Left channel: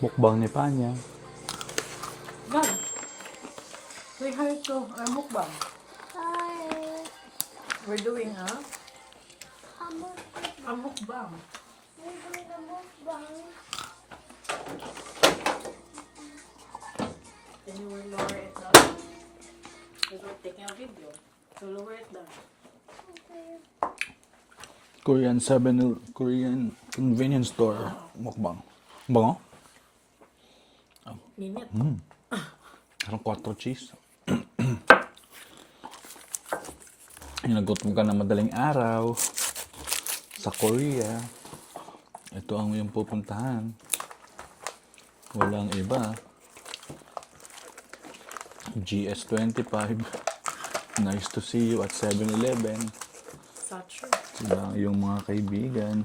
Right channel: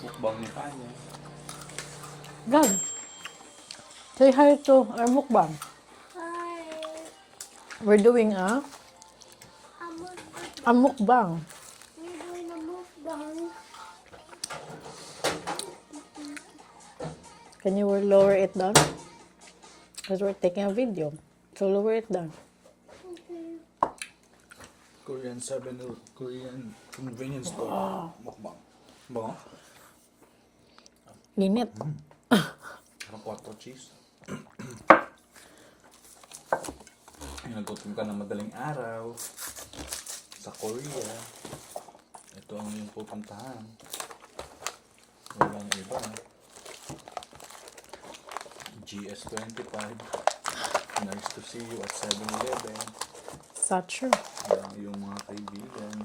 Mukbang ni Panya. God, say hi to our mukbang. Hi. We're doing I'm a mukbang. we're doing a mukbang. Can you lower it down? Because we're taking a video. So lower it down. Okay. Korean convenience store. Mukbang. Bango? Init. Parang 4 cheese. Yung nagutom ka na madaling araw sa Korea, ito ang iyong pupuntahan. Walang iba. GS25. Nice to see you at 7-Eleven. Such Sila yung mga kaibigan.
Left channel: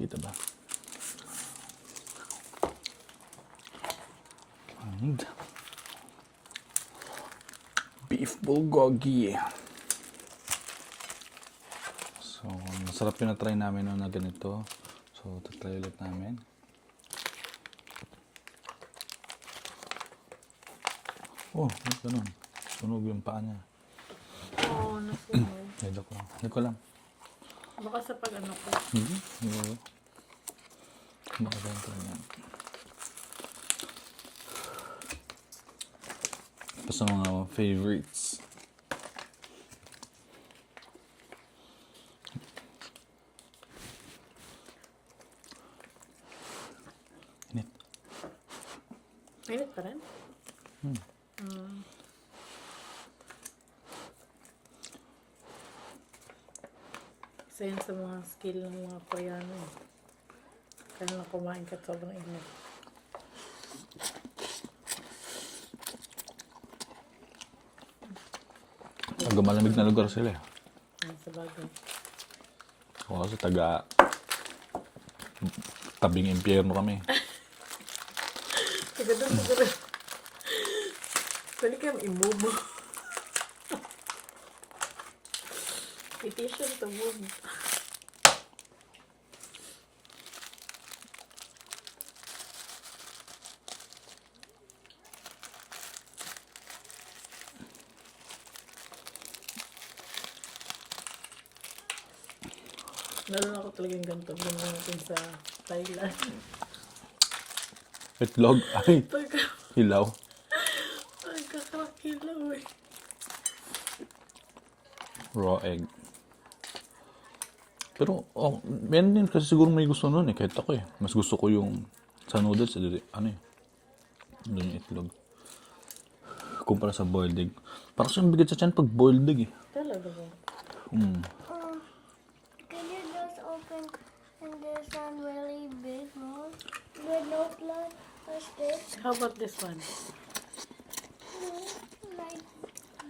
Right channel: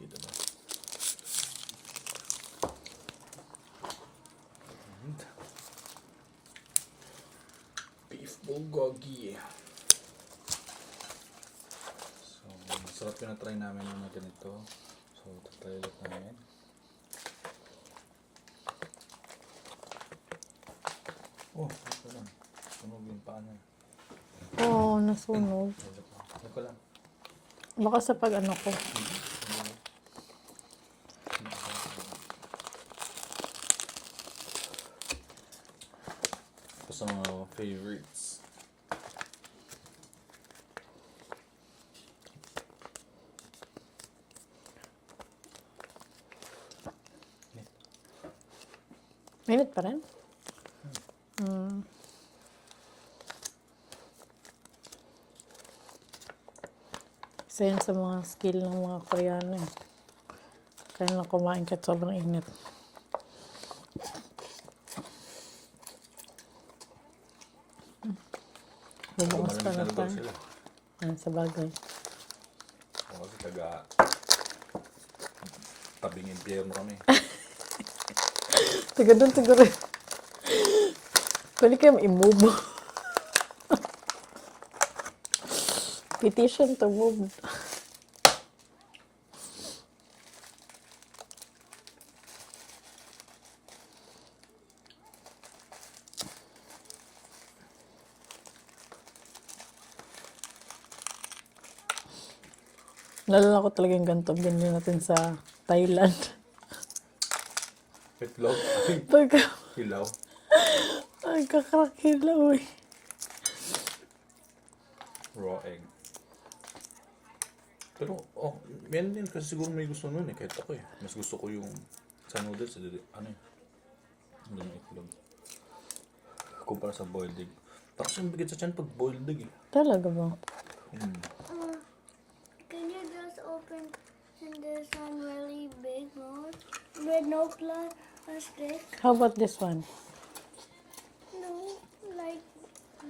Kita ba? And beef bulgogi. So, masarap yung na-try namin na ganito. So, tatry ulit namin. Oh, ganun. Sunog yung paa niya. Oh, nasunog. Ay, joke lang. Hindi ko lang. Baka sa pag ano ko. Hindi. Ito sa mga favorites. Init. Init pa rin? Isa yan sa mga skill ng mga Koreano. Kaya na kumain kahit sobrang init. Malamig na lugar sila. Yan, sa bagay. O kasi tabing impyerno kami. Taga doon siguro. Pwede kayo i-move. Petition to move. Nalala ko talagang ganito. Ganyan natin sa Thailand. Itlog. Ay, Pagka, hilaw. ay, kakarakilaw eh. Raw egg. Pero, meron din kasi siguro may gusto nun eh. Kahit ako eh. Mas gusto ko yung sa noodles, ano eh. Doon yung itlog. Kumpara sa boiled egg. Parang siyang bigat sa tiyan pag boiled egg eh. Talaga ba? Can you just open and this one really big one with no plastic? How about this one? No, like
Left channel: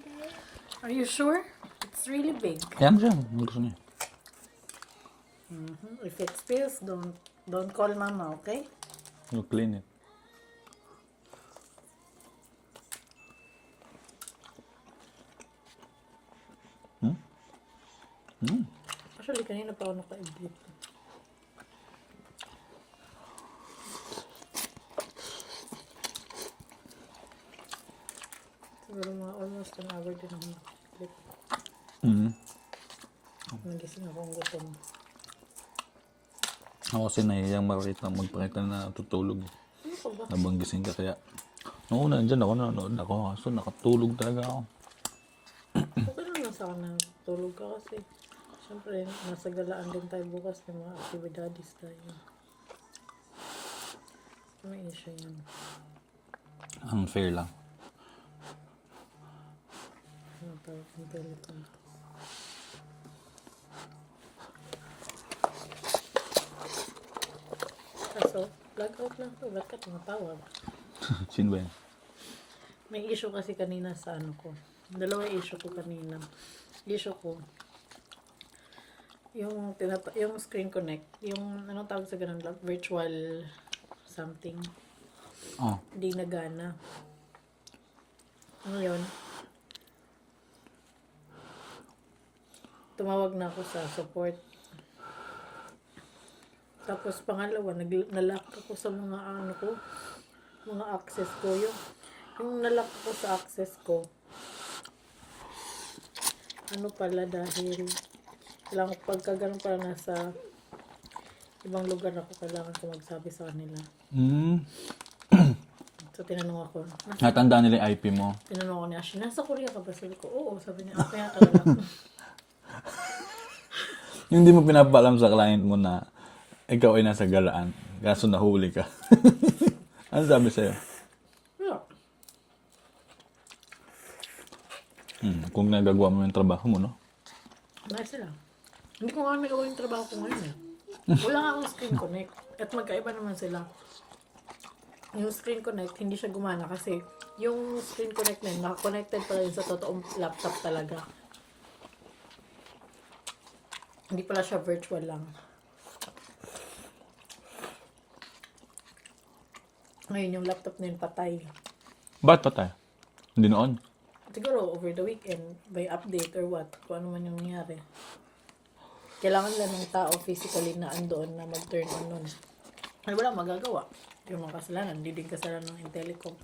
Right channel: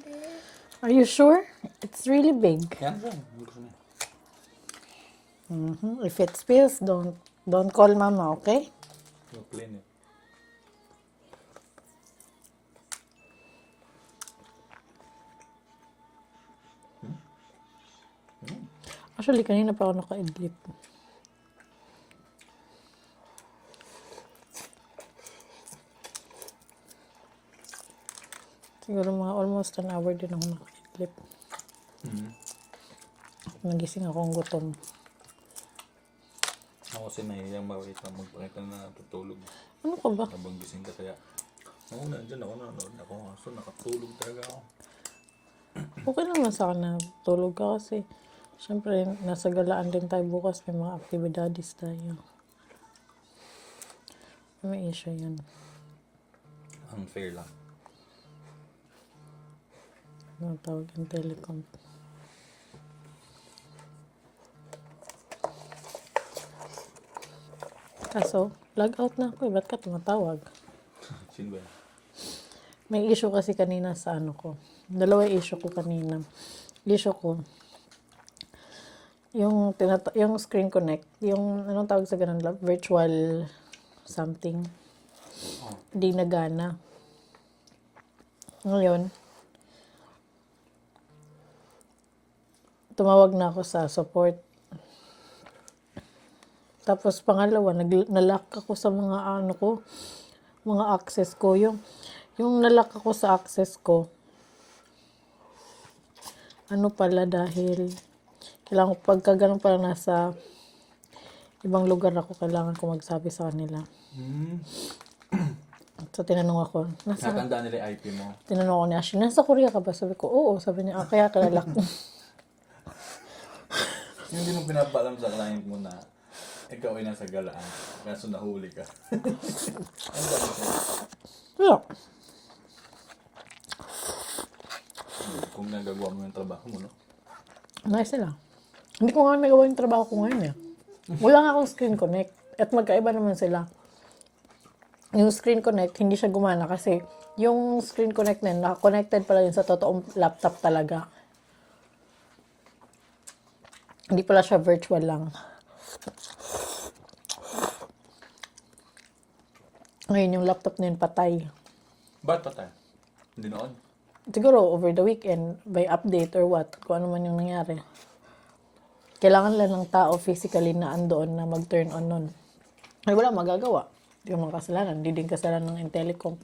this. Are you sure? It's really big. Yan siya. Ang gusto niya. If it spills, don't call mama, okay? You clean it. Actually, kanina pa ako naka-edit. Siguro mga almost an hour din ako naka-edit. Nagising akong gutom. Ako kasi nahihiyang magpakita na natutulog. Ano ka ba? Habang gising ka kaya. Noong nandyan ako, nanonood ako. So nakatulog talaga ako. Okay lang na sa akin na tulog ka kasi syempre nasa galaan din tayo bukas. May mga aktibidades tayo. May issue yan. Unfair lang. Ano tawag yung telecom? Kaso, log out na ako eh. Ba't ka tumatawag? Sino ba yan? May issue kasi kanina sa ano ko. Dalawa issue ko kanina. Issue ko, yung screen connect, yung anong tawag sa ganun lang, virtual something, di nagana. Ngayon, tumawag na ako sa support. Tapos pangalawa, nalock ako sa mga ano ko, mga access ko. Yung nalock ako sa access ko, ano pala dahil kailangan ko pagka ganun pala nasa ibang lugar ako, kailangan ko magsabi sa kanila. So tinanong ako, Natandaan nila yung IP mo. tinanong ako ni Ashley, nasa Korea ka ba? Sabi ko, oo. Sabi niya, kaya lock mo. Yung di mo pinapaalam sa client mo na ikaw ay nasa galaan, kaso nahuli ka. Ano sabi sa'yo? Yeah. Kung nagagawa mo yung trabaho mo, no? Nice sila. Hindi ko nga nagawa yung trabaho ko ngayon eh. Wala nga akong screen connect. At magkaiba naman sila. Yung screen connect, hindi siya gumana kasi yung screen connect na yun, naka-connected pala yun sa totoong laptop talaga. Hindi pala siya virtual lang. Ngayon yung laptop na yun patay. Ba't pa tayo? Hindi noon. Siguro over the weekend, by update or what, kung ano man yung nangyari. Kailangan lang ng tao physically na andoon na mag-turn on nun. Ay wala magagawa. Hindi naman kasalanan. Hindi din kasalanan ng Intellicom.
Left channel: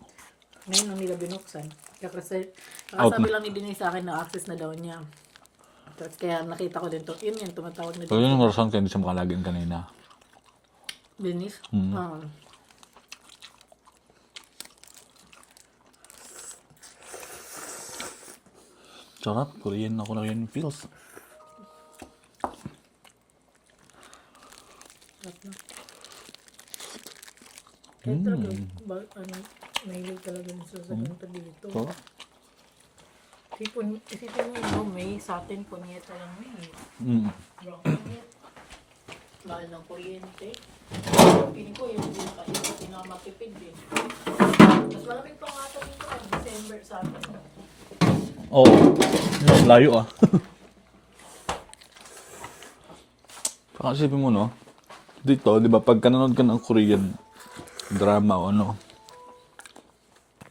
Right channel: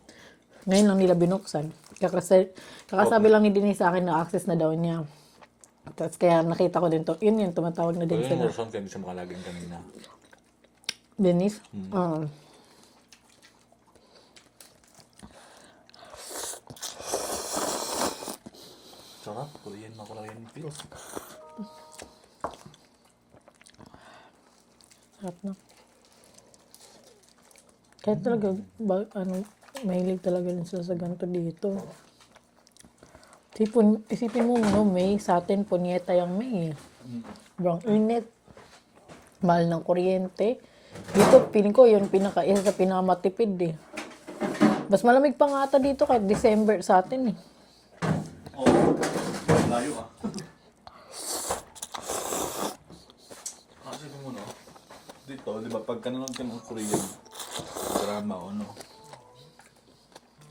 Ngayon lang nila binuksan. Kakasabi lang ni Denise sa akin na access na daw niya. Tapos kaya nakita ko din to. Yun yan, tumatawag na So, din. yun yung rason kaya hindi siya makalagin kanina. Denise? Oo. Sarap. Korean ako na yun feels. Sarap na. Kaya talaga, mahilig talaga yun sa ganito dito. So, Isipin mo, no, May, sa atin, punyeta yung May. Sobrang init. Mahal ng kuryente. Feeling ko, yung isa sa pinakamatipid eh. Mas malamig pa nga ata dito kahit December sa atin eh. Oo. Layo ah. Saka isipin mo, no? Dito, di ba, pag nanonood ka ng Korean drama o ano,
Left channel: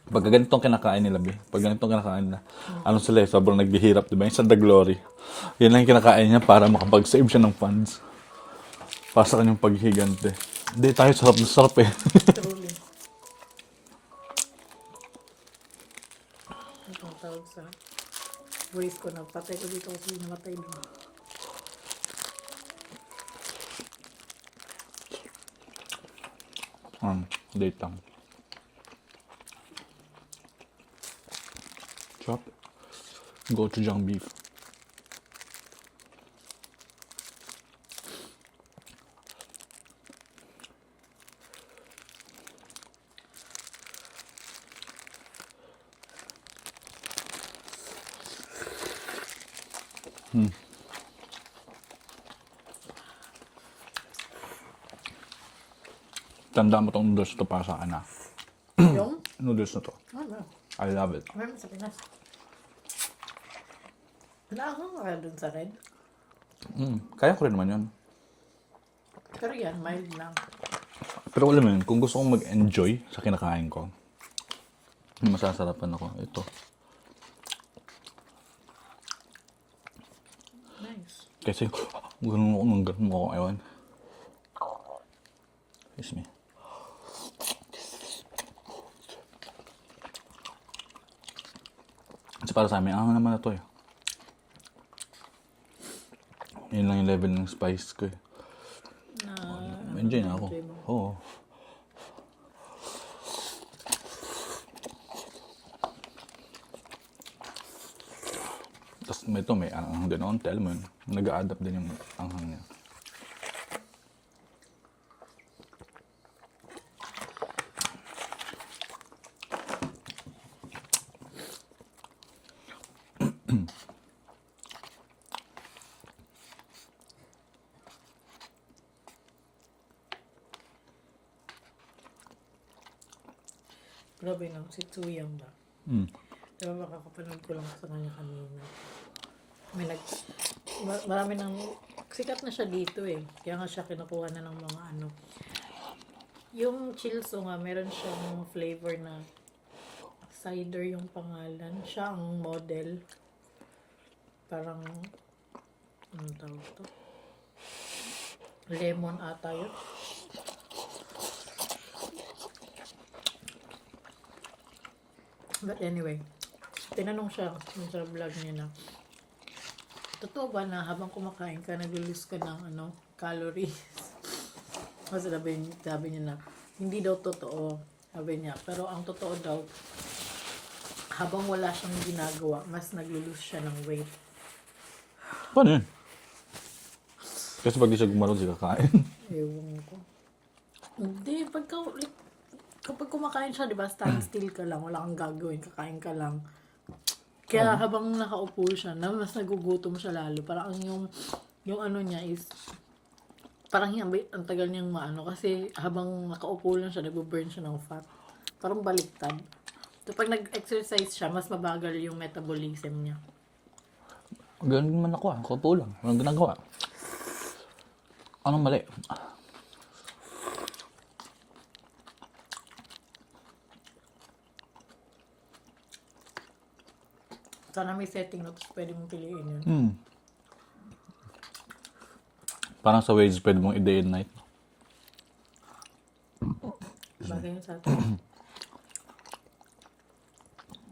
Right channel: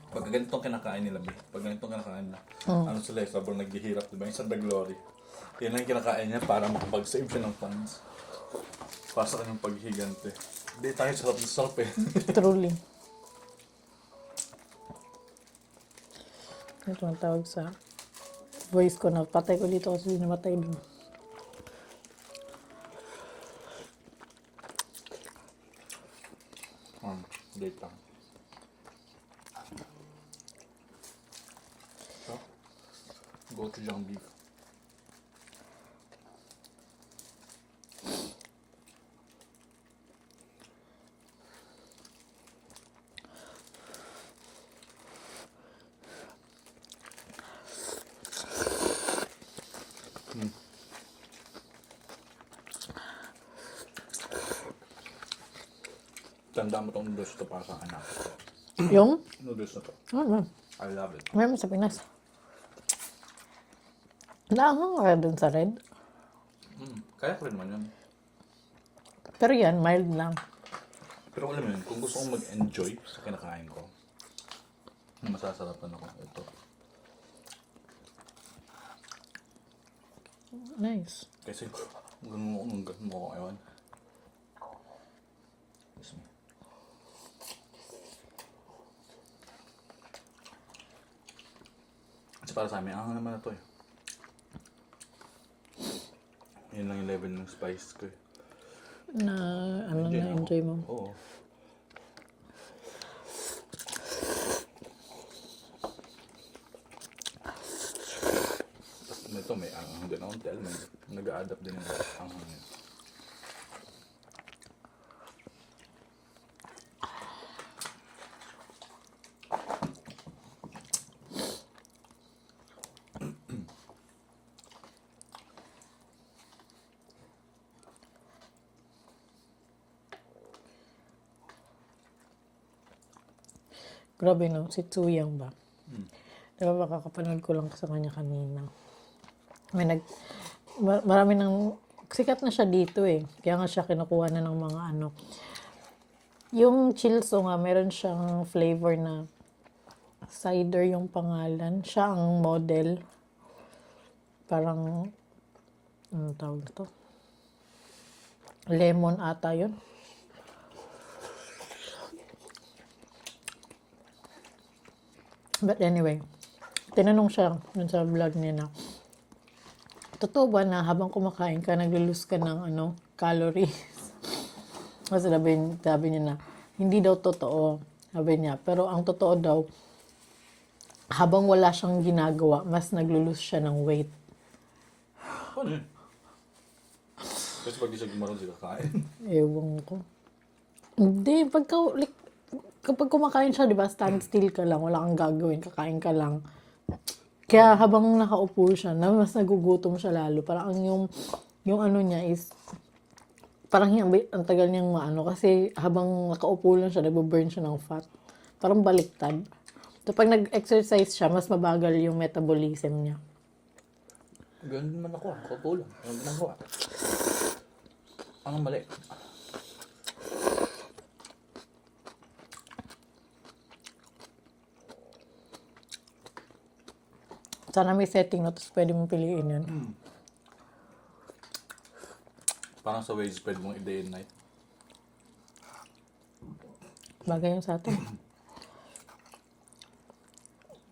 pag ganitong kinakain nila, be. Pag ganitong kinakain na, ano sila eh, sobrang nagbihirap, di ba? Yung sa The Glory. Yan lang yung kinakain niya para makapag-save siya ng funds. Para sa kanyang paghihigante. Hindi, tayo sarap na sarap eh. Truly. Ito ang tawag sa voice ko na patay ko dito kasi namatay doon. Date lang. Chop. Gochujang beef. Tanda mo tong noodles to para sa anak. Yung? Noodles na to. Ano? I love it. Meron sa Pinas. Laangang kaya dun sa red. Kaya ko rin naman yun. Pero yan, mild lang. Pero alam mo yun, kung gusto kong mag-enjoy sa kinakain ko, masasarapan ako. Ito. Nice. Kasi, ganun ako, ewan. Excuse me. Kasi para sa amin, naman na to eh. Yun lang yung level ng spice ko eh. Na, ano Enjoy na na ako. enjoy mo. Oo. Tapos may anghang din on tell mo yun. Nag-a-adapt din yung anghang niya. Grabe no, si Tsuyang ba? Diba makakapanood ko lang sa kanya kanina. Marami nang, sikat na siya dito eh. Kaya nga siya kinukuha na ng mga ano. Yung Chilso nga, meron siyang flavor na cider yung pangalan. Siya ang model. Parang Ano tawag ito? Lemon ata yun. But anyway, tinanong siya dun sa vlog niya na, totoo ba na habang kumakain ka, nag-lose ka ng calories? Kasi sabi niya na, hindi daw totoo. Sabi niya, pero ang totoo daw, habang wala siyang ginagawa, mas nag-lose siya ng weight. Paano yun? Kasi pag di siya gumalaw, di kakain. Ewan ko. Hindi, kapag kumakain siya, di ba, stand still ka lang, wala kang gagawin, kakain ka lang. Kaya habang nakaupo siya, mas nagugutom siya lalo. Parang yung ano niya is, parang ang tagal niyang kasi habang nakaupo lang siya, nagbo-burn siya ng fat. Parang baliktad. So, pag nag-exercise siya, mas mabagal yung metabolism niya. Ganun din man ako kaupo lang. Anong ginagawa? Anong mali? Sana may setting na, tapos pwede mong piliin yun. Parang sa wages, pwede mong i-day and night. Bagay yung sa atin.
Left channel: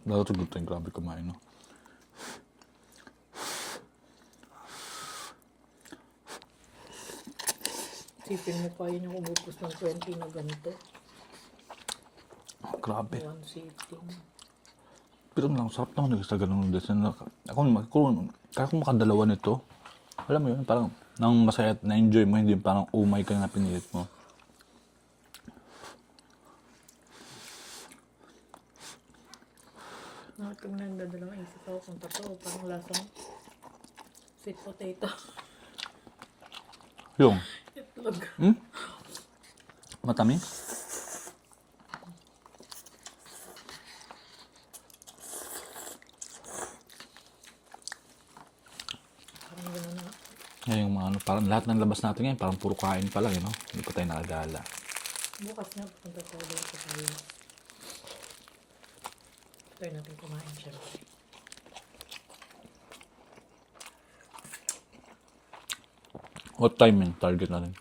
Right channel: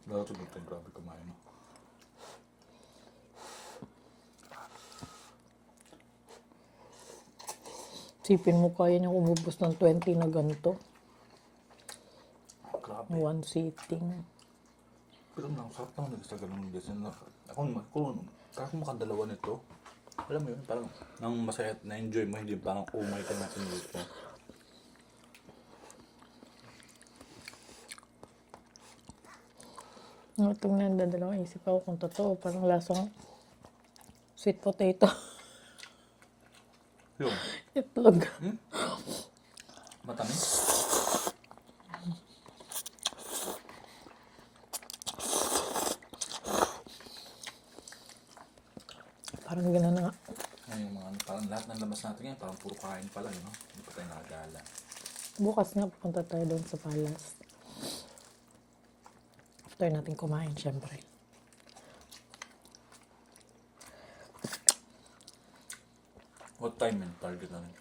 Lalo sa gusto yung grabe kumain, no? Sipin mo kaya niyang umubos ng 20 na ganito. Grabe. One sitting. Pero lang, sarap naman sa ganun noodles. Kaya kung makadalawa nito, alam mo yun, parang nang masaya at na-enjoy mo, hindi parang umay ka na pinilit mo. Tingnan, dadalawang isip ako kung totoo. Parang lasang sweet potato. Yung, Itlog. matamis. Parang gano'n na. Ngayon yung mga parang lahat ng labas natin ngayon, parang puro kain pa lang, you know? Hindi pa tayo nakagala. Bukas nga, pupunta tayo doon sa palace. After natin kumain, syempre. What time yung target natin?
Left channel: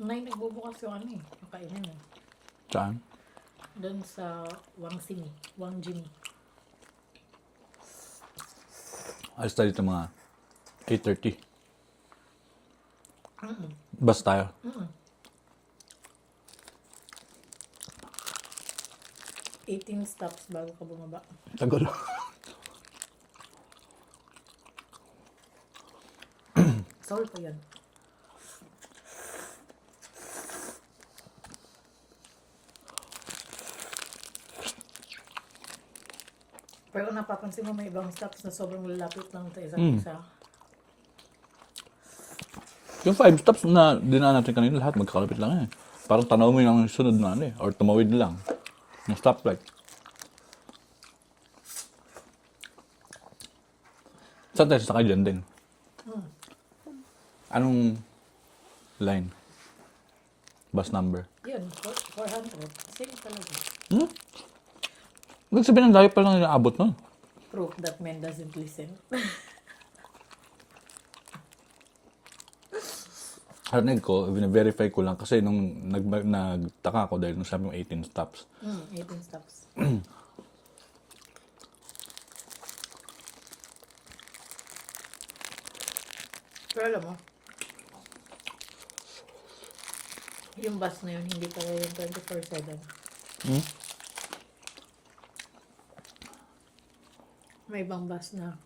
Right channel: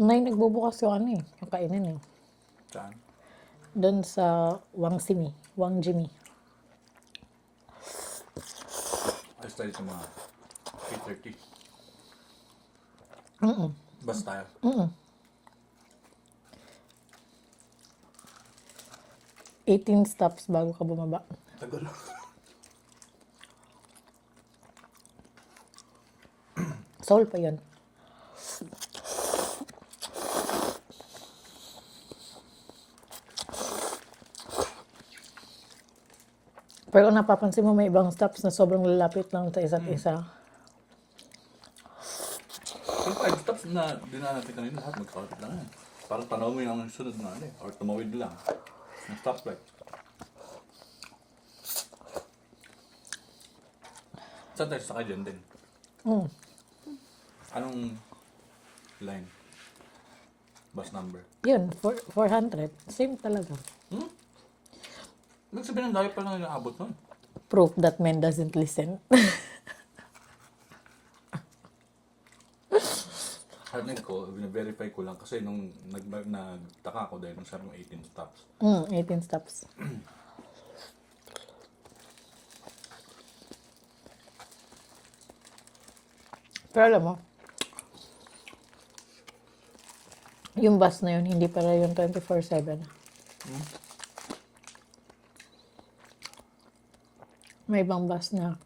Nagbubukas yung yung kainan eh. Saan? Doon sa Wang Jimmy. Alis tayo dito mga 8:30. Bus tayo. 18 stops bago ka bumaba. Tagal. Seoul pa yun. Pero kung napapansin mo, may ibang stops na sobrang lalapit lang sa isa't isa. Yung 5 stops na dinaan natin kanina, lahat magkakalapit lang eh. Parang tanaw mo yung sunod na or tumawid lang. Yung stoplight. Saan tayo sakay dyan din? Anong line? Bus number? Yun, 400. Same talaga. Nagsabihin ng layo pa lang yung abot nun. Proof that man doesn't listen. Harinig ko, verify ko lang kasi nung nagtaka ako dahil nung sabi mo 18 stops. 18 stops. Pero alam mo, yung bus na yun, hindi pala yung 24/7. May ibang bus na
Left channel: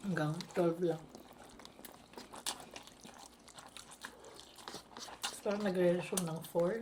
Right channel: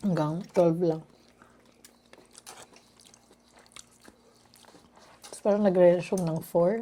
hanggang 12 lang. Tapos parang nagre-resume ng 4.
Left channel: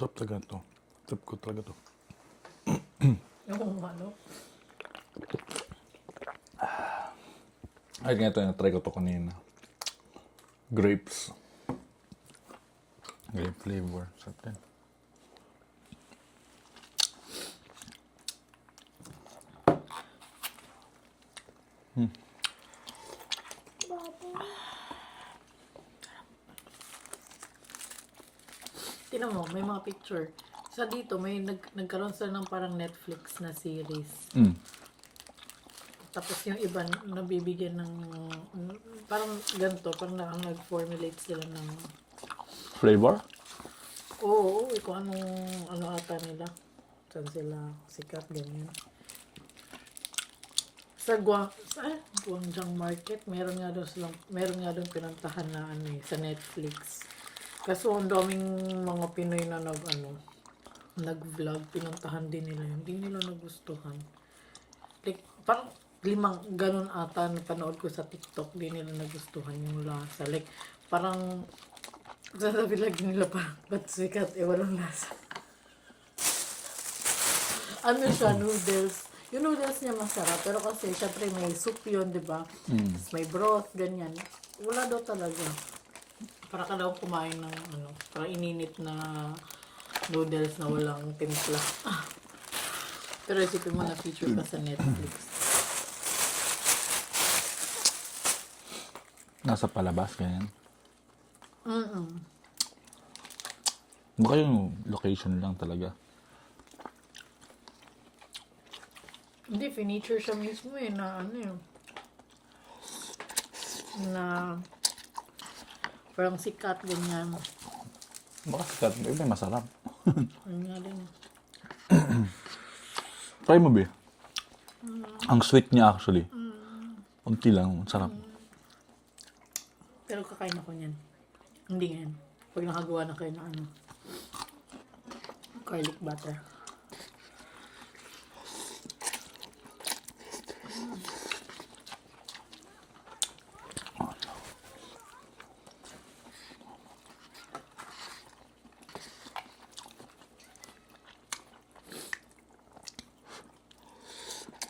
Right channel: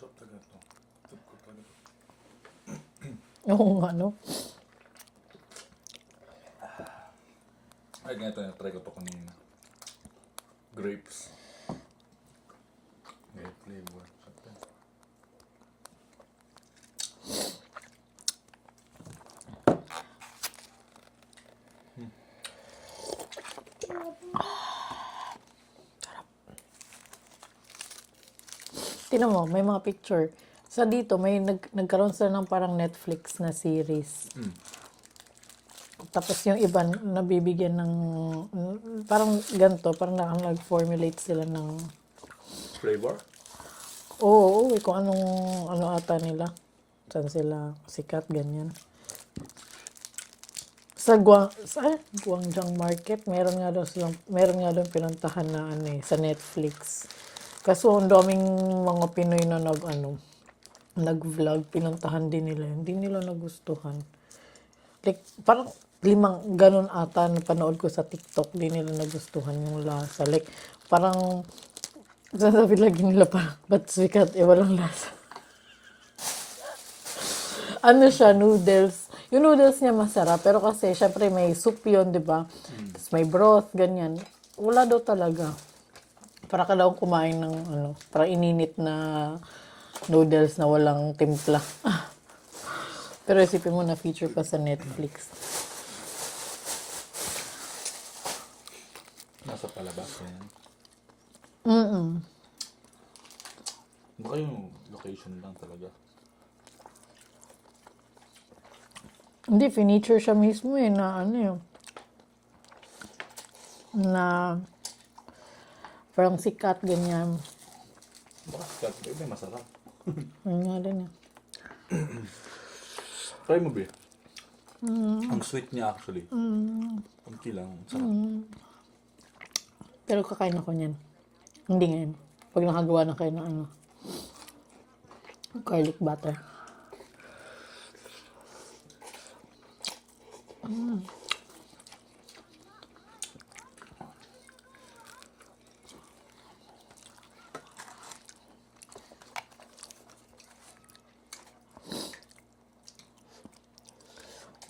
Sarap talaga to. Trip ko talaga to. Oo nga, no? Ay, ganito yung try ko to kanina. Grapes. Grape flavor. Sarap yan. Tingnan mo, may mga picture. Sa dito, may nagkaroon sila ng parang Netflix na series. Mm. Tapos yung iba, nabibigyan ng, parang ganito, parang nag-formulate sila ng, Flavor? oo, kung anong, ano ata nila. Saan sila sikat, ganyan. Sa Guangzhou Market, meron nga daw pinuntahan na ano sa Netflix. Kaso ang daming mga Pinoy na nag-vlog, pinuntahan din nila. Hindi nila nagustuhan. Like, parang 5 ganun ata na panood ko sa TikTok, hindi nila nagustuhan yung lasa. Like, parang, sasabi lagi nila parang, ba't sikat, walang lasa. Ano siya, noodles. Yung noodles niya masarap, pero kasi syempre may soup yun, di ba? Tapos may broth, ganyan. Wala daw talaga. Para ka daw kumain ng para ininit na noodles na walang timpla. Pero isipin mo na feature pa sa Netflix. Nasa palabas, ganyan. Mm-mm. Baka yung location lang talaga. Hindi, finiture siya mismo na na parang sikat, ganyan. Baka sikat. Iba yung masarap. Ano nga rin. Try mo, be. Ang sweet niya actually. Unti lang. Sarap. Pero kakain ako niyan. Hindi ngayon. Pag nakagawa na kayo ng garlic butter.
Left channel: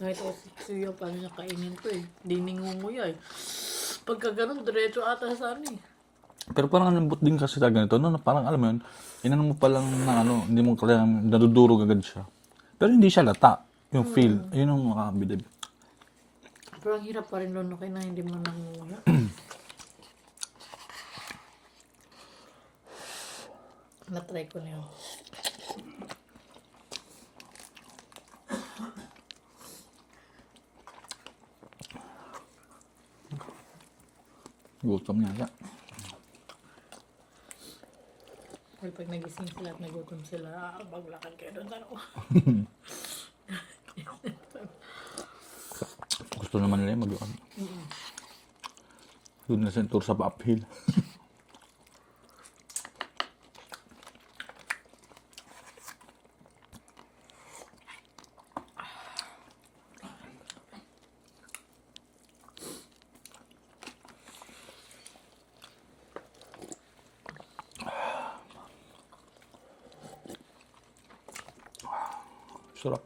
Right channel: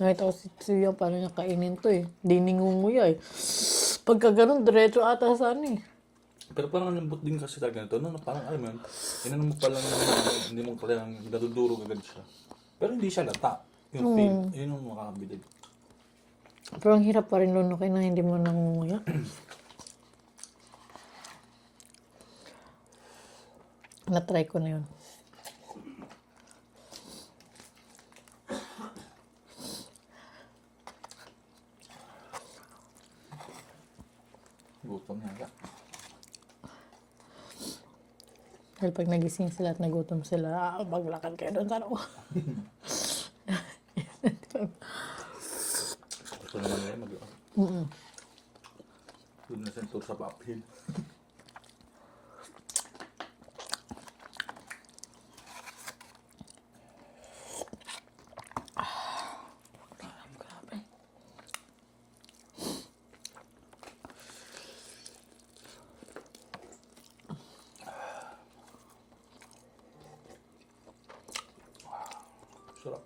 Nakita ko si Tsuyo paano niya kainin to eh. Di ningunguya eh. Pagka ganun, diretso ata sa Pero parang ang lambot din kasi talaga nito. No, parang alam mo yun, inano mo pa lang na hindi mo kailangan nadudurog agad siya. Pero hindi siya lata. Yung feel, yun ang makakabilib. Pero ang hirap pa rin lunukin na hindi mo nangunguya. Na-try ko na yun. Gutom niya. Dahil pag nagising sila at nagutom sila, maglakad kayo doon sa loob. Gusto naman nila mag doon na sa tour sa uphill. Sarap.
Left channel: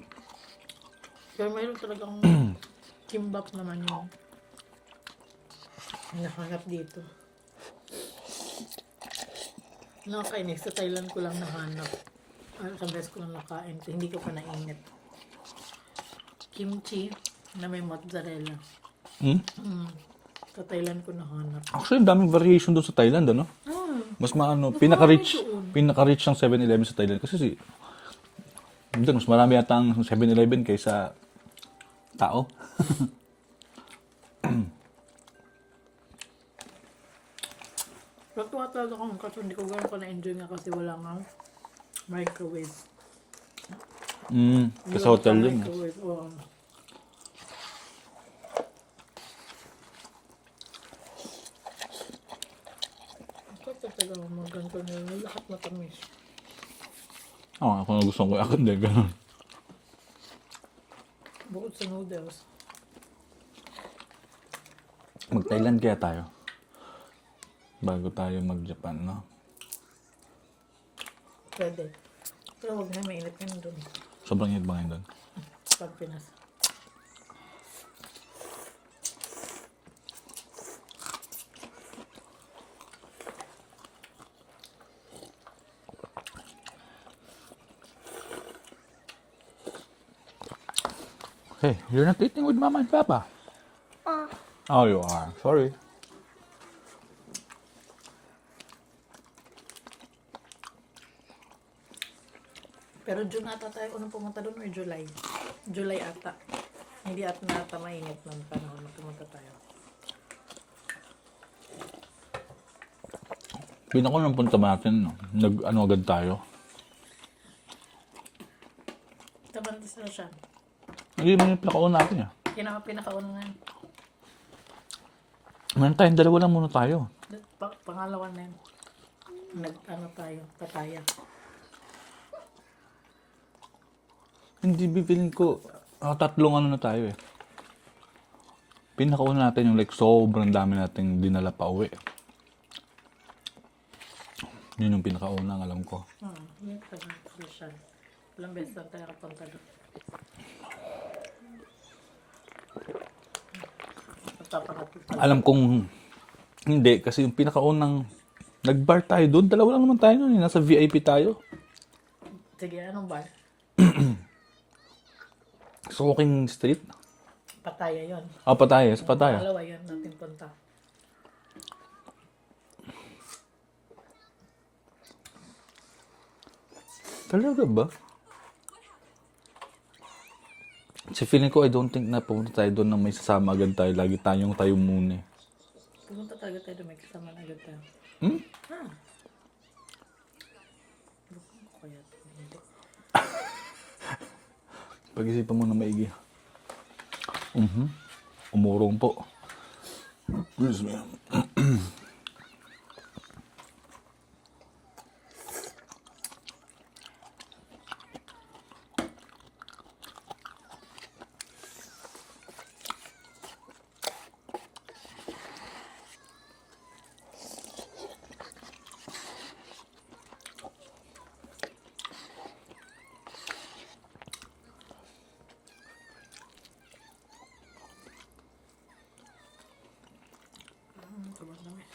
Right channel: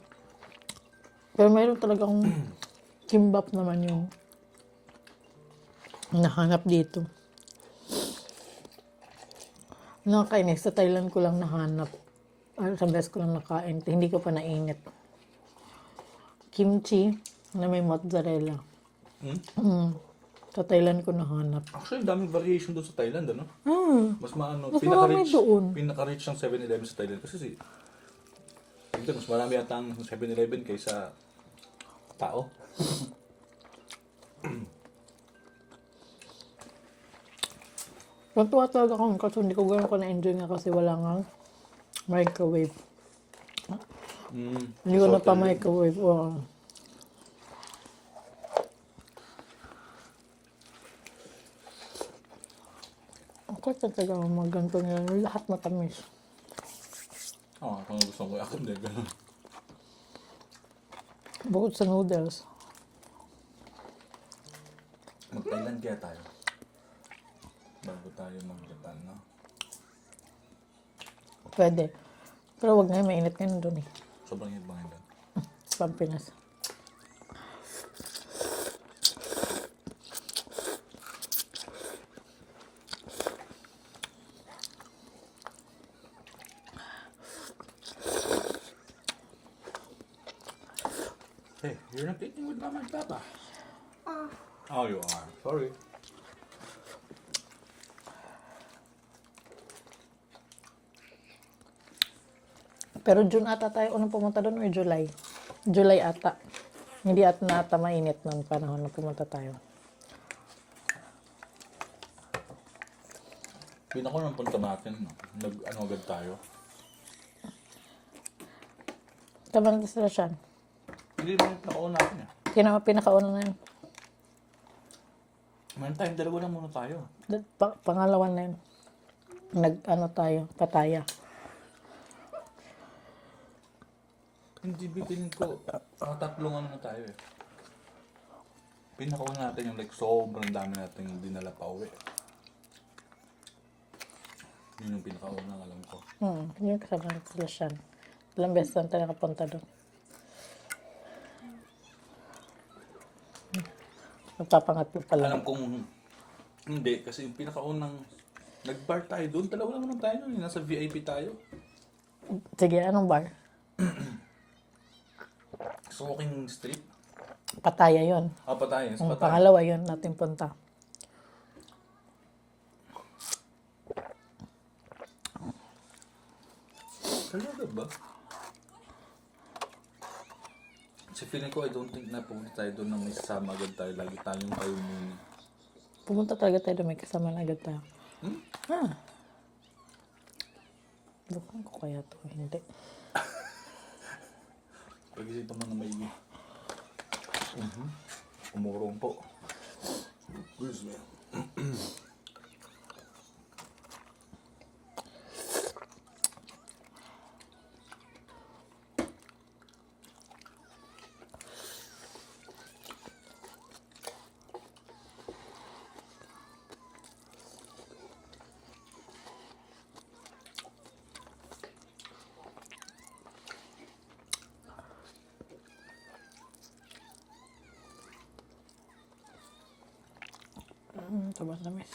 Pero mayroon talagang kimbap naman yung nahanap dito. Nakakainis. Sa Thailand ko lang nahanap. Sa beses ko lang nakain. Hindi ko pa naingat. Kimchi na may mozzarella. Sa Thailand ko nahanap. Actually, daming variation doon sa Thailand, ano? Mas maano, Mas pinaka-rich, marami doon. pinaka-rich ng 7-Eleven sa Thailand. Kasi doon, mas marami yata ang 7-Eleven kaysa tao. Natuwa talaga ako kasi hindi ko gano'n ko na-enjoy nga kasi wala nga microwave. Hindi Sa ko hotel yun. microwave. Oo. Ako talaga magganto nila. Lahat matamis. Ako na gusto ko yakit din, gano'n. Bukod sa noodles. Mag-Thailand kaya tayo. Bago tayo mag-Japan, no? Pwede. Pero wag na, mainit ngayon doon eh. Sobrang hit ba ngayon doon? Sa Pampinas. Hey, you're not eating with Mama and Papa. Oh, you are. Sorry. Pero June ata tayo unang pumunta doon or July? July ata. Hindi ata mainit ng panahon na pumunta tayo. Pinako ng punta natin, no? Nag-ano agad tayo. Tama na sila siya. Hindi mo yung pinakauna natin, eh. Pinakauna na yun. Meron tayong dalawa lang muna tayo. Pangalawa na yun. Tayo, pataya. Hindi bibilin ko. Tatlong ano na tayo, eh. Pinakauna natin yung like sobrang dami nating dinala pa uwi. Yun yung pinakauna ang alam ko. Yun kasama na sila siya. Ilang beses lang tayo nakapunta doon. Nagpapangatlo pala. Alam kong hindi kasi yung pinakaunang nag-bar tayo doon. Dalawa lang naman tayo noon, eh. Nasa VIP tayo. Sige, anong bar? Sa Walking Street. Pataya yun. Pataya. Sa Ang Pataya. pangalawa yun natin punta. Talaga ba? Kasi feeling ko, I don't think na pumunta tayo doon na may sasama agad tayo. Lagi tayong tayo muna. Pumunta talaga tayo doon, may kasama na agad tayo. Bukan ko kaya ito. Hindi. Pag-isipan mo na maigi. Umurong po. Excuse me. Tabas na mes.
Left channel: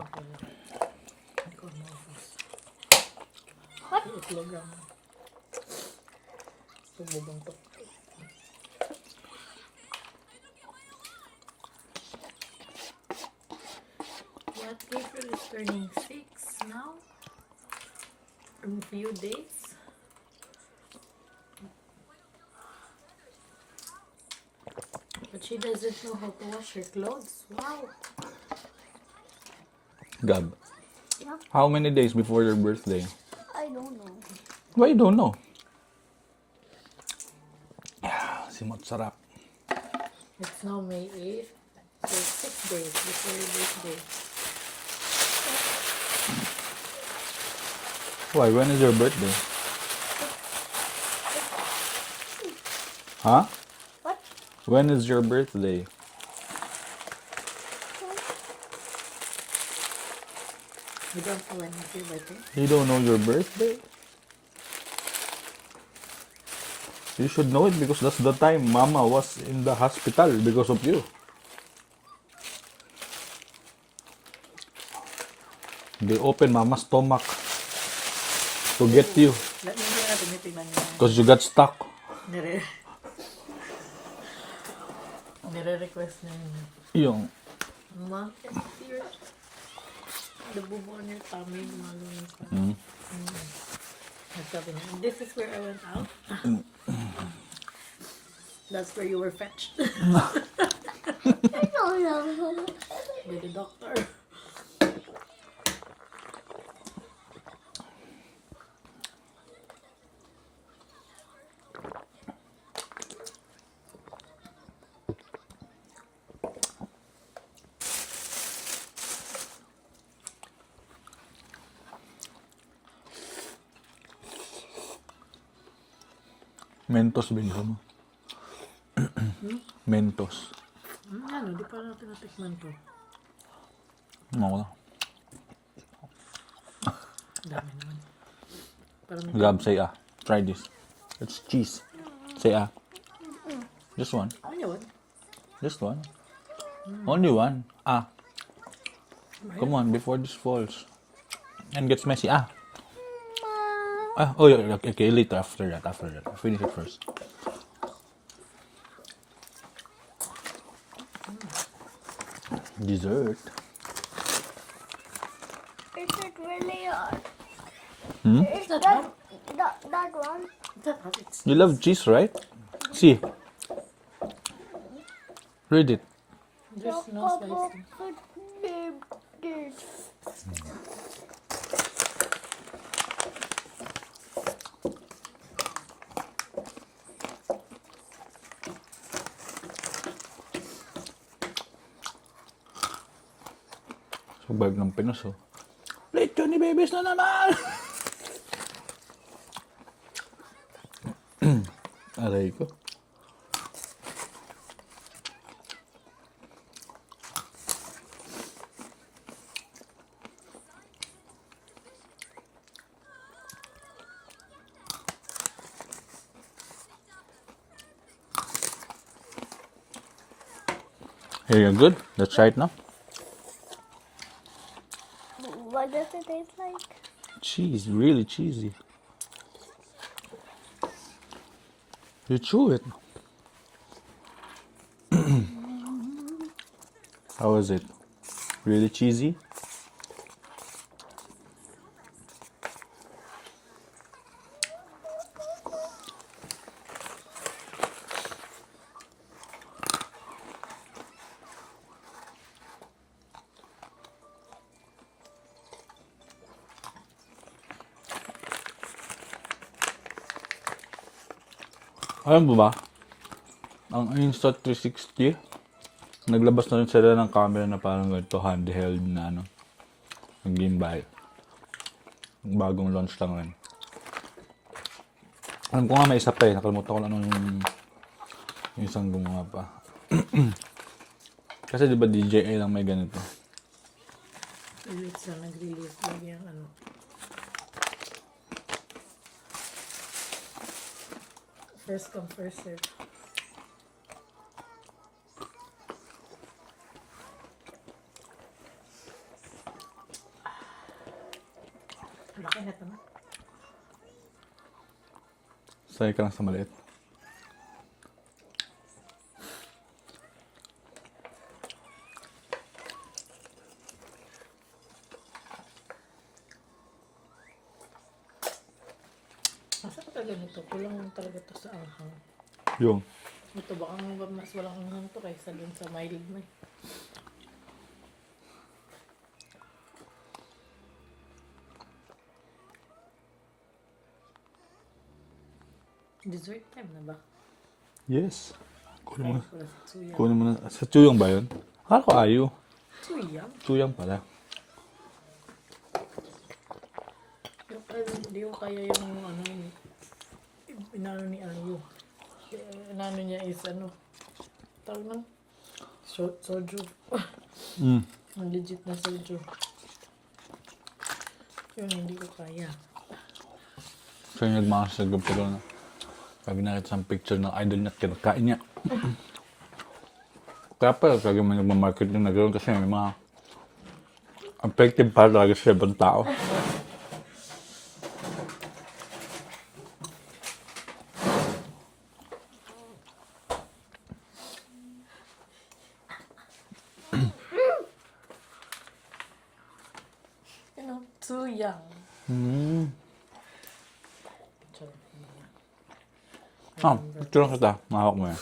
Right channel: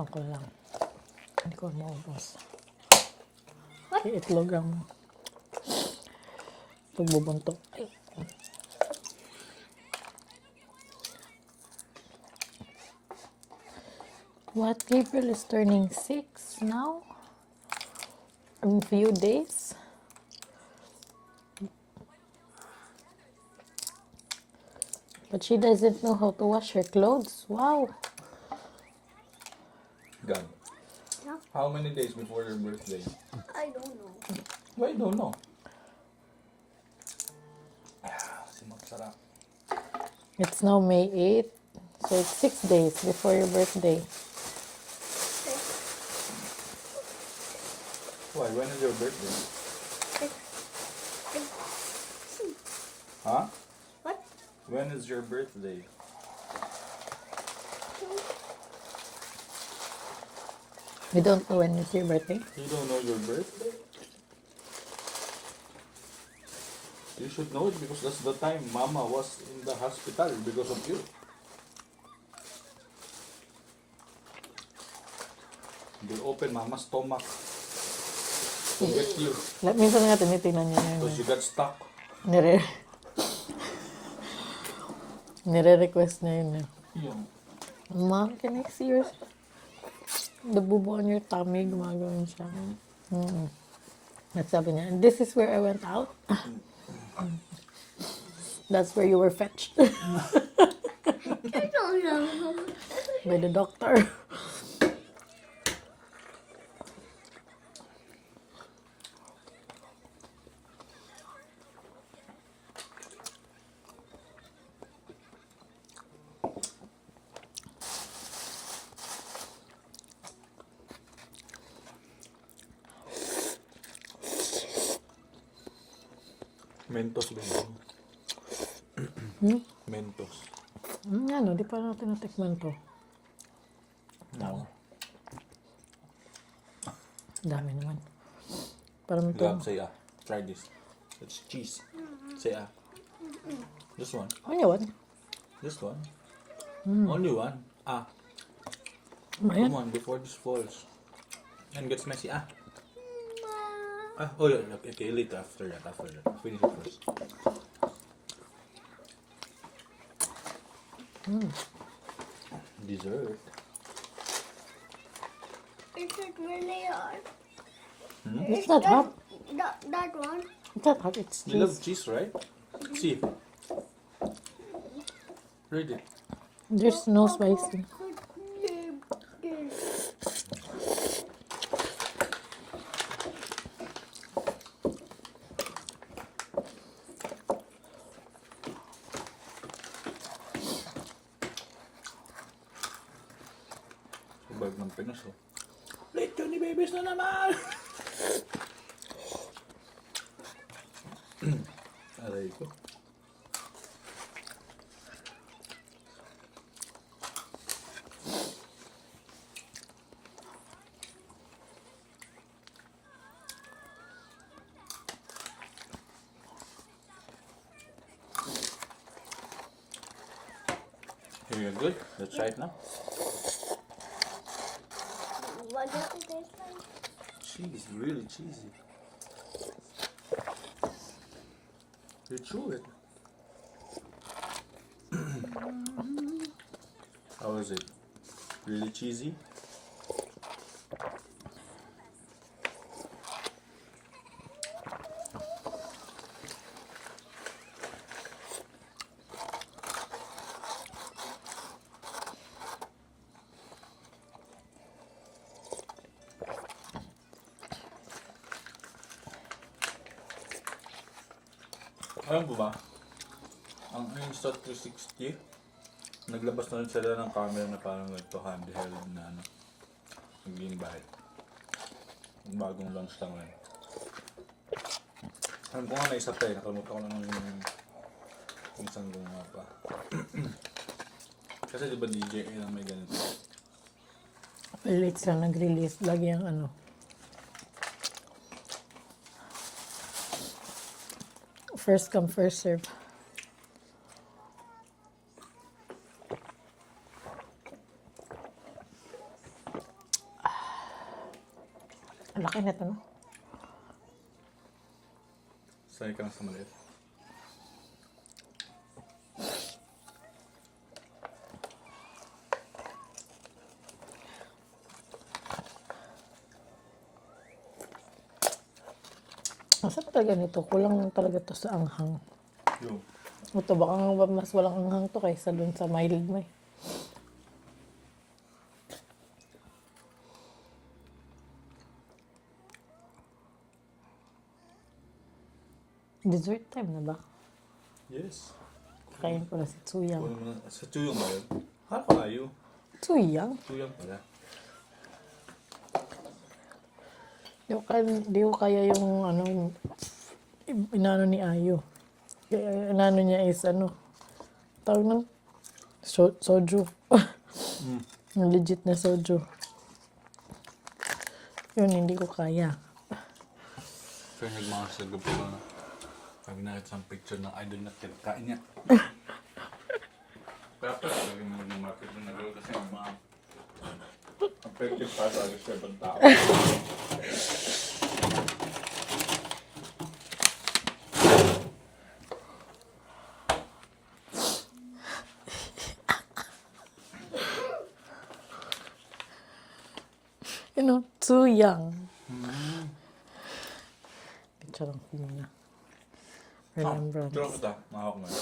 Ako lang. Hindi ko maubos. Itlog ang pagbubuntok. What? Gabriel is turning 6 now? In a few days? But she doesn't know how to wash her clothes. Wow. Gab. How many days before your birthday? I don't know. Why you don't know? Simot sarap. It's now May 8th. So it's 6 days before your birthday. Why? When is your birthday? Huh? What? When is your birthday? You don't know when it's your birthday? You don't know your birthday? You should know it because that's the time Mama was in the hospital because of you. They opened Mama's stomach to get you Minsan nga tinitingnan niyo yun. because you got stuck. Nire-request niya yun. Yung, Mom, can I see your... The bubo on your tummy, gumagawa yun siya. At sabi niya, this is where I went out. That's where you were fetched Oh no. by the doctor. Mentos bigyan mo. Mentos. Ano, di pa natin natikman to. Ano? Dami naman. Para may Gab, say ah. Try this. It's cheese. Say ah. Just one. Ano yun? Just one. Only one. Ah. Come on, before this falls. And gets messy. Ah. Ah, oh, yeah, okay, later, after that. Finish it first. Dessert. Is it really hard? It's not hot. That one? It's not hot. It's You love cheese, right? See. Read it. There's no spicy. Survive ng Pinos, oh. Late ni Babies na naman! Aray ko. Here, you're good. Let's try it now. What does it taste like? Cheese, really cheesy. You chew it. How is it? Really cheesy? Alam mo ba, ang Insta360, naglabas na rin sila ng camera na parang ganito, handheld na ano, ng gimbal. Bagong launch lang rin. Alam ko nga may isa pa eh, nakalimutan ko lang yung isang gumawa pa. Kasi di ba DJI lang may ganito? Late siya nag-release. Lagi ang ano. First come, first serve. Ang laki nito, no? Sanay ka lang sa maliit. Masarap talaga nito. Kulang lang talaga to sa anghang. Yung, Ito baka nga mas walang anghang to kaysa dun sa mild mo eh. Dessert time na ba? yes. Kain pala sa Tsuyang. Kunin mo na. Sa Chuyong ba yun? Akala ko Ayu. Tsuyang? Chuyong pala. Di ko kaya yung ano, inano ni Ayo. Kaya inano niya is ano, tawag nun? Soju. Yung legit na soju. Yun, hindi ko kaya. So yung nagmakasagab ko na. Sabi nakita sa picture ng idol na kinakain niya. Kaya pala talaga may nagmamarket yung nagkaroon kasi may mga effective para talaga sa ibang tao. You know, Tsuyang. Picture ang feeling niya. Ah, Remember. picture kita. Mahawak mo yan.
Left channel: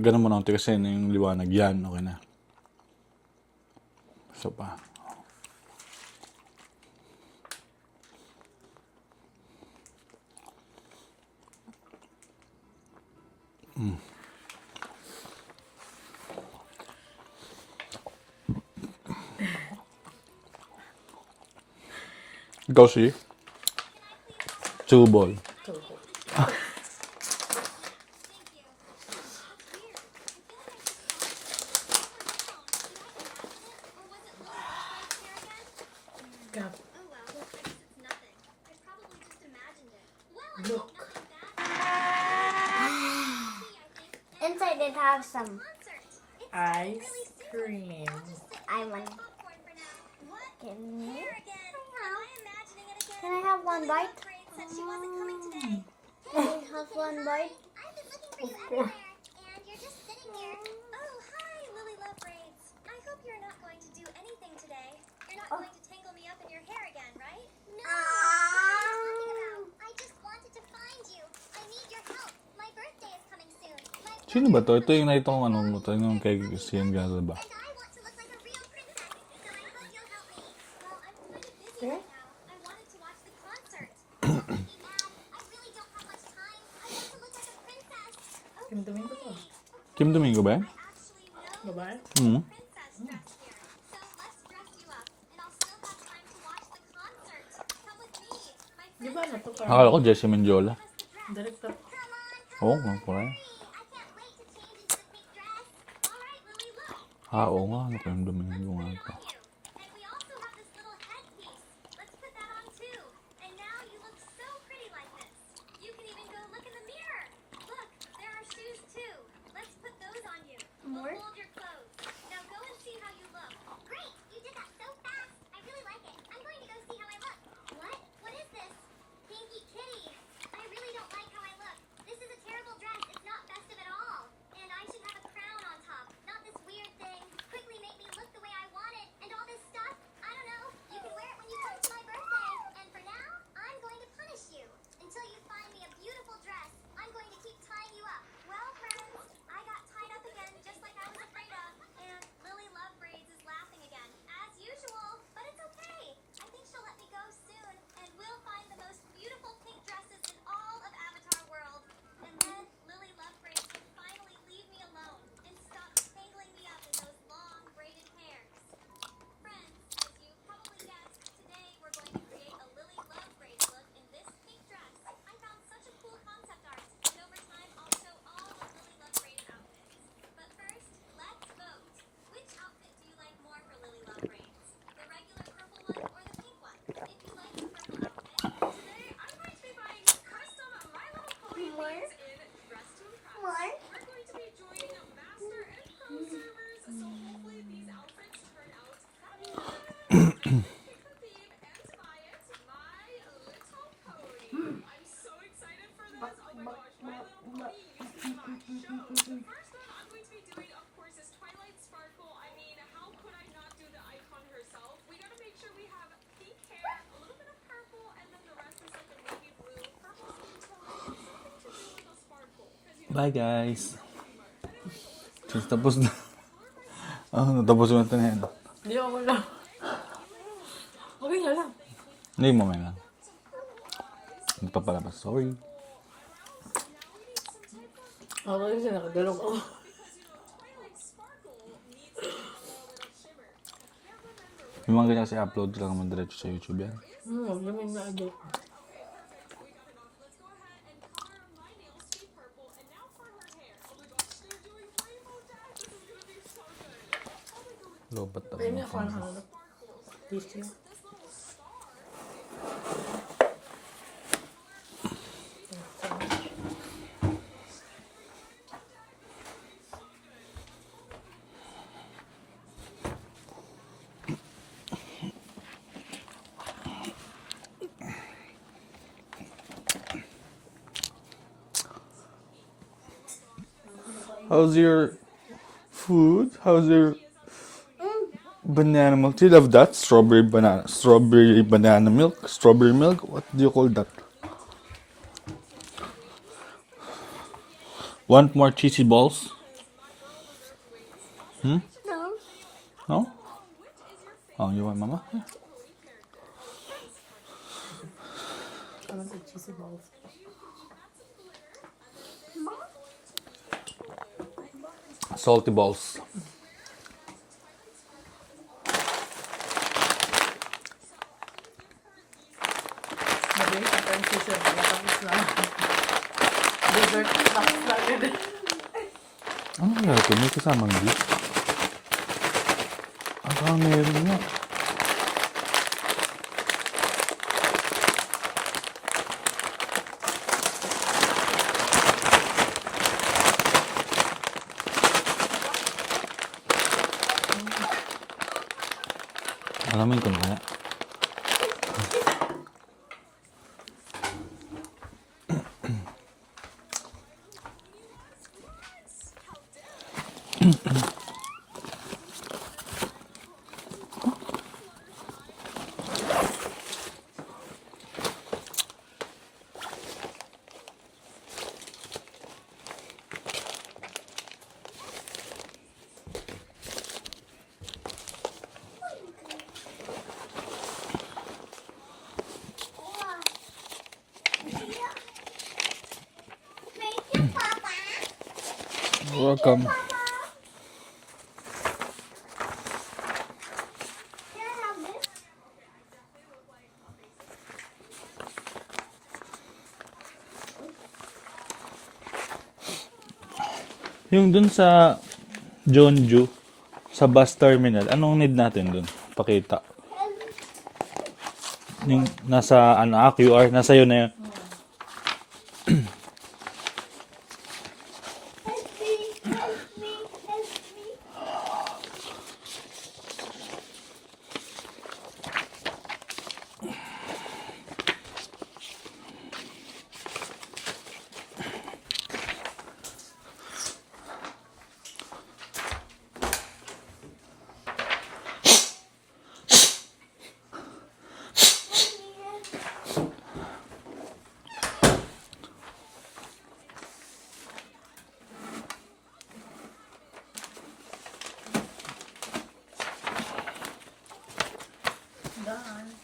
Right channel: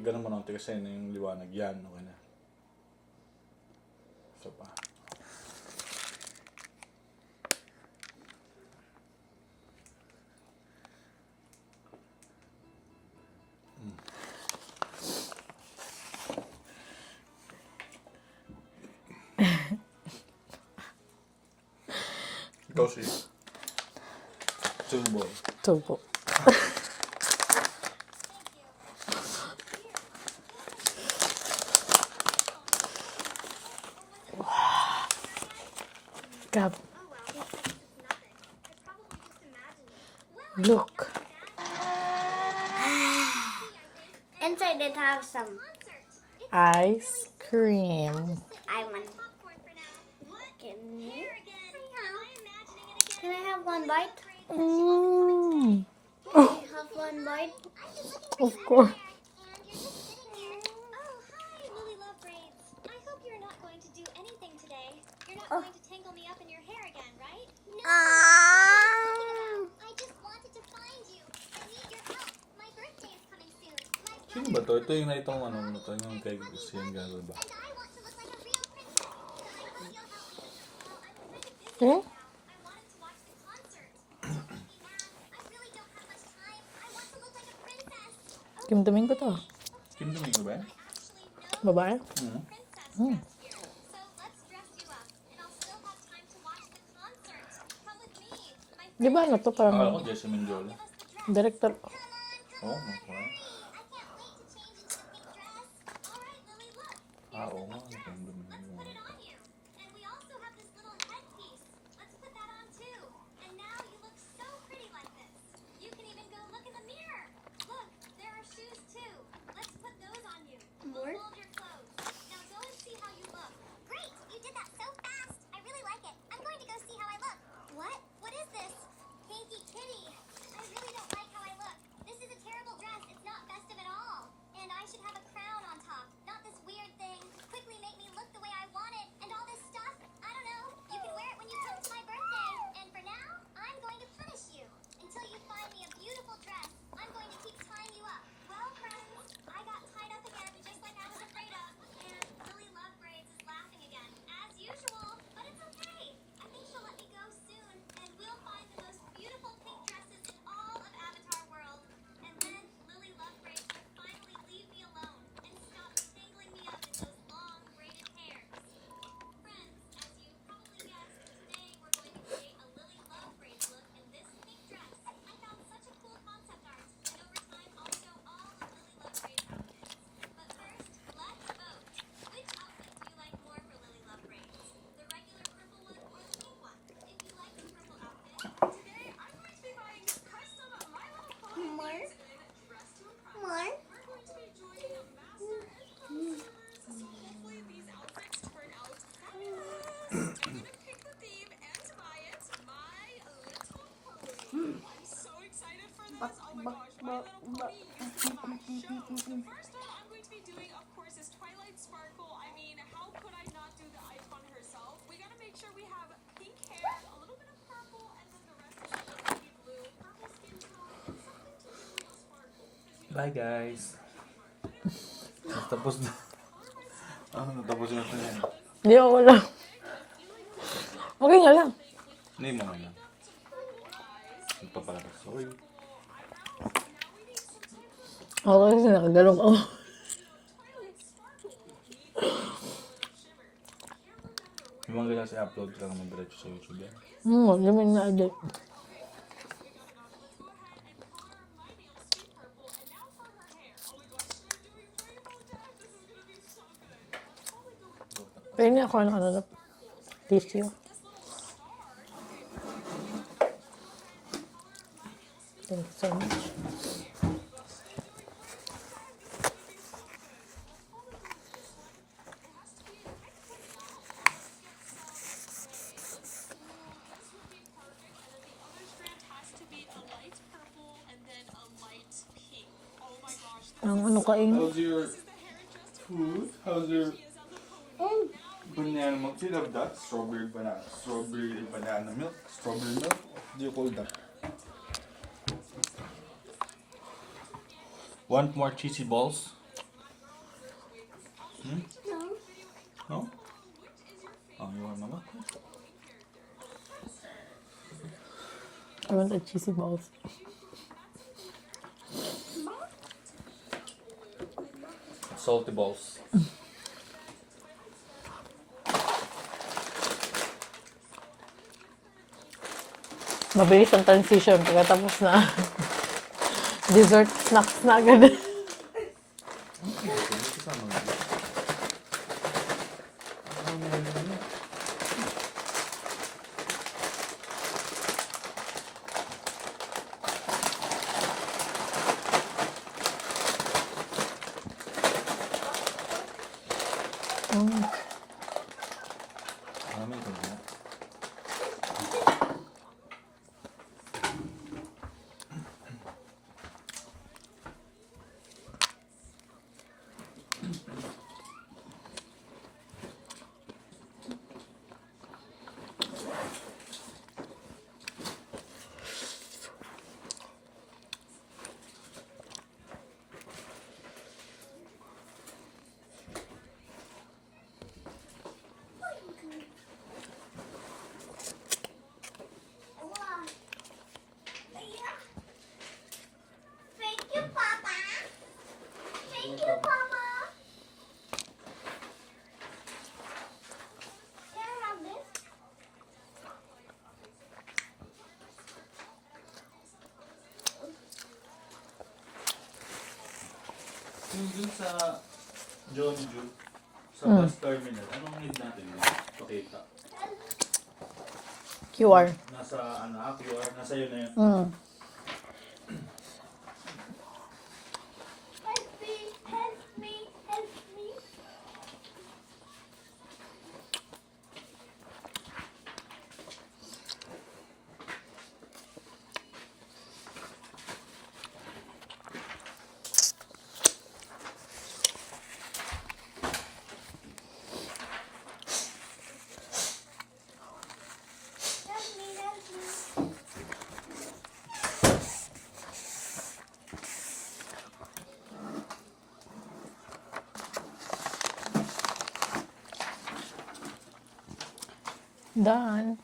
Ganun mo na konti kasi yung liwanag yan. Okay na. So pa. Ikaw si? Chuboy. Tubo. God. Look. Inside it has some. Ice cream. I want. Can I have one bite? Mm. Can I have one bite? Of course. And you're just sitting there. Oh, hi, Lily Love Braids. I hope you're not going to do anything today. You're not going to tangle me up in your hair again, right? No. What are you talking about? I just wanted to find you. I need your help. My birthday is coming soon. My Sino ba to? Ito yung nakita kong ano mo. Ito yung kay Sian Gala ba? and I want to look like a real princess. So I hope you'll help me. Well, I'm kind of busy Hmm? right now. I wanted to watch the concert. Don't make me mad. I really don't have much time. I want to look like a princess. Kim Domingo to. Kim Domingo ba yan? I actually know Babae? Hmm. princess dress here. So let's dress you up, and I'll still have time to watch the concert. Come with me. My Di ba ano to? Akala Parang ko Jessie Mendiola. director. Oo, nga pala. I can't wait to change into the pink dress. All right, Lily, look. Ah, oo nga. Ano Kim Domingo nga ito. On you. And we also have this little headpiece. Let's put that on too. And now you look so pretty like this. You can even go look in the mirror. Look, there are shoes too. Let's put those on you. More? We'll fold your clothes. Now go and see how you look. Great, you did that so fast. I really like it. I'm going to go see how I look. What? What is this? Pinky Kitty. I really don't like how I look. This is a terrible dress. It's not festive at all. And I should have a crown on top, not this weird thing. Quickly make me look the way I want it. And all this stuff, I don't know. You can wear it when you come to my birthday. And for now, I'm going to punish you. Until you find me a beautiful dress, I'm going to keep tying you up. Well, friends, I got tied up again just like I was afraid of. And Lily Love Braids is laughing again, as usual. But it's okay. I think she'll let me go soon. And we'll find the most beautiful pink dresses in all of Avatar World. And then Lily Love Braids will finally leave me alone and stop tangling me up in those long braided hairs. Friends, as you probably guessed, today we're going to create a Lily Love Braids look in this pink dress. I found such a cool concept art, and over time I'll show all of Lily Love Braids outfits. But first, let's vote. Which outfit do you like more for Lily Love Braids? The regular purple one or the pink one? If you like the purple outfit, today I'm going to be buying custom My Little Pony wings in Dress to Impress. More? We're going to be joining Master and Pro servers, so hopefully these outfits turn out fabulous. Pick the theme and buy it, My Little Pony. I'm so excited for this. Oh my gosh, My Little Pony used to be my show. The first one I'm going to be doing, of course, is Twilight Sparkle. I mean, how could I not do the icon herself? We gotta make sure we have pink hair, a little bit of purple, and then the rest is like a navy blue, purple skin tone, something to do with the sparkle. 'Cause you know, Bye guys. Tapos na. Ah, natapos na ito na yan. Hindi ako lang. Okay nga lang. Hindi mo ngayon. Ito pa pala ba? Sorry. Ako kasi nakagalong ako. Yung mga ganyan kasi upload lang naman diretso sa YouTube yan. Lamin na agad. Lobat Pero hindi ako ano tissue. Thank you so much. Ang ano kain? How's your food? How's your banana milk? Do you love that? Strawberry banana milk? Strawberry milk? What do you call that? Want more cheesy balls? No. No? Oh, you want mama? I want the cheesy balls. Salty balls. Mabilis ang transition. Pagkatapos na dessert snacks na agad. Ano nga ito? May kasamang beef? Meron nga. Alamin ko na. Thank you, Papa. Welcome. Can I have this? Yung dun sa Jeonju, sa bus terminal, anong need natin dun? Pakita. QR. Nasa, QR, nasa yun na yun. Help me, help me, help me. Done.